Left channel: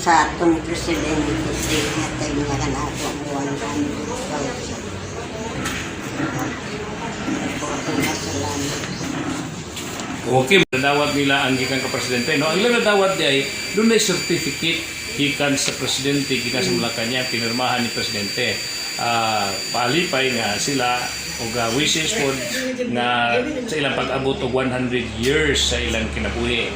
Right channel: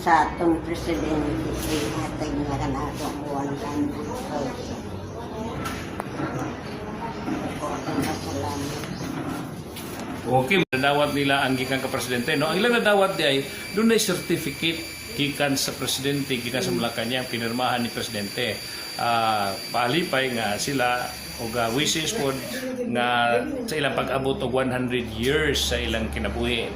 sa atong presidente siya hatag niya ka na ako ang 100,000. Ako masalamat. Okay, nadawat nila ang gikan ka presidente. No, ang ilang nadawat di ay doon ay certificate gikan sa presidente, gikan sa Malacanang, pinirmahan ni presidente. Palipay nga sila og wishes po nga sa ilang pag-abot og 100 years sa ilang kinabuhi.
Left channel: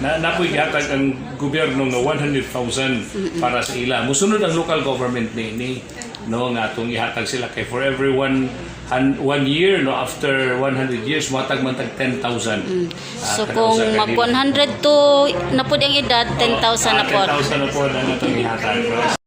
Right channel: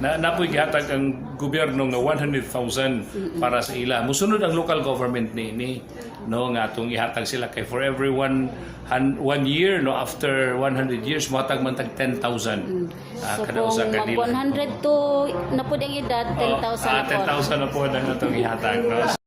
Napoy gihatag ang gobyerno nga 100,000 para sa ila. Musunod ang local government ni no nga atong ihatag sila kay for every one year no after 100 years matag man tag 10,000. So kung mag 100 to na po ang edad 10,000 na po. 10,000 na po na natong ihatag.